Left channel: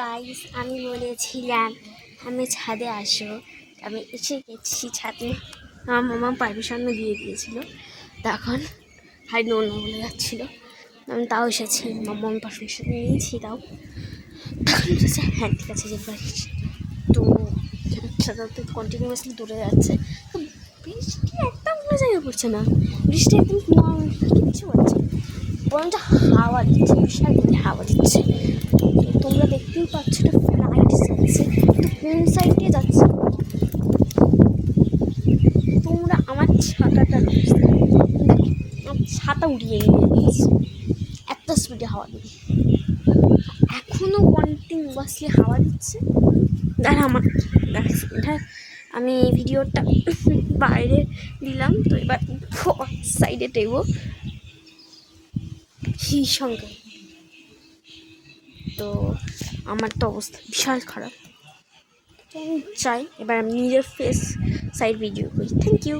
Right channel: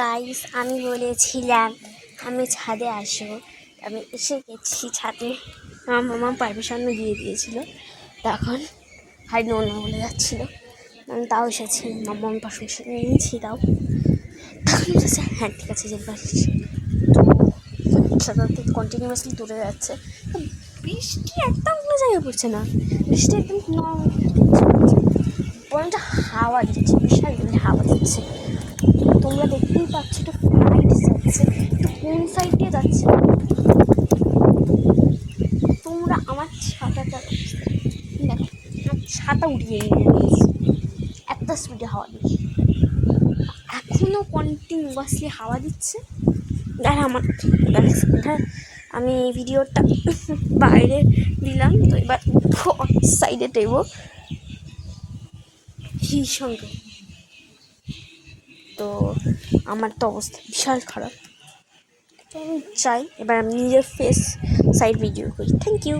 Guys, আমি বলেছিলাম আমি ছাদে আসবো। আমি এসে গেছি ছাদে। আমার মামা পারমিশনও দিয়ে দিয়েছিল। তখন হাই নো নো বলে যাচ্ছিলো, আমি তাও এসেছি। মামা আমি পারমিশন নিয়েছি তাও। তখন বলেছে হ্যাঁ ঠিক আছে যেতে পারিস। তো সাধারণত কন্টিনিউয়াসলি দৌড়ে যাচ্ছে। তো বৃষ্টি একদম কোনো জায়গায় পড়ছে না, বৃষ্টি একদম পড়ছে, বরঞ্চ হাওয়া দিচ্ছে, বিশাল হাওয়া দিচ্ছে। তোমরা দেখতেই পাচ্ছ এটা ফ্লাইট যাচ্ছে, কিন্তু কোন সাইড দিয়ে যাচ্ছে তোমরা আমার ছাতাটা আমার ছাতা উড়িয়ে নিয়ে যাচ্ছে এত স্পিডে হাওয়া দিচ্ছে। এখনও কন্টিনিউয়াসলি হাওয়া দিচ্ছে। আর আমার আমি ভিডিওটা বাইরে দিলাম, তো এবার সাইডে দেব সঙ্গে। তো আমার তো অবস্থা বিশাল খারাপ, তো আমি চাই এবার আমি নিজের ফেস সাইড ভিডিও করি। Thank you.